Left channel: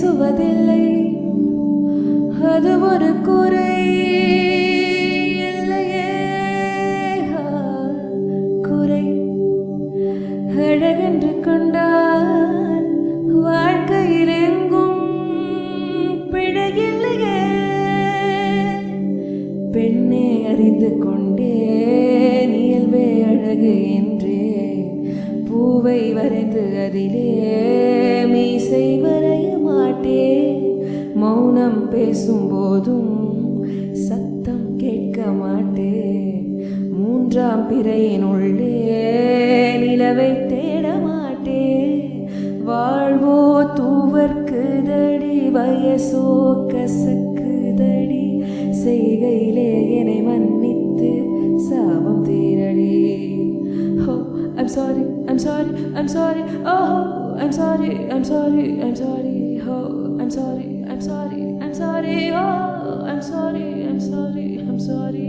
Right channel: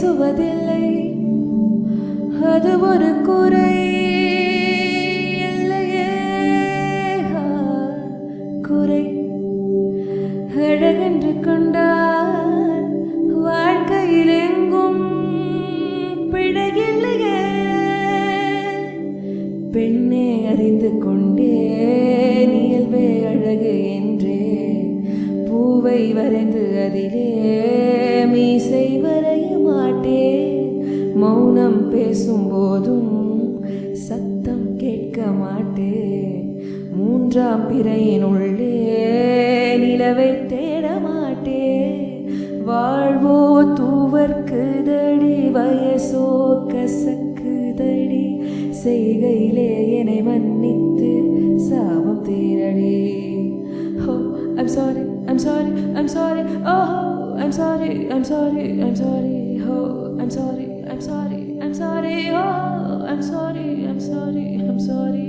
பேசுவதில்லை, அது ஒரு குறை இல்லையே. குறை அழகென்று கொண்டால் வாழ்க்கையில் எங்கும் பிழையில்லையே. பெண்ணே அறிந்து கொண்டே இயல்பே அழகு என்றே பூவை வரைந்து அதிலே மீசை வரைய மாட்டேன். மௌனம் பேசும் போதும் சத்தம் கேட்க மாட்டேன். மூன்றாம் பிறையினுள்ளே நிலவை தேட மாட்டேன். வாழ்வோ தூவர்க்குதடி, வயசோ கசக்குதடி, செய்கையிலே என்னை மன்னித்து சாபம் தீரடி. Oh, I'm sorry, I'm sorry, I'm sorry. Oh, I'm sorry, I'm sorry, I'm sorry. Oh, I'm sorry, I'm sorry, I'm sorry. Oh, I'm sorry, I'm sorry, I'm sorry.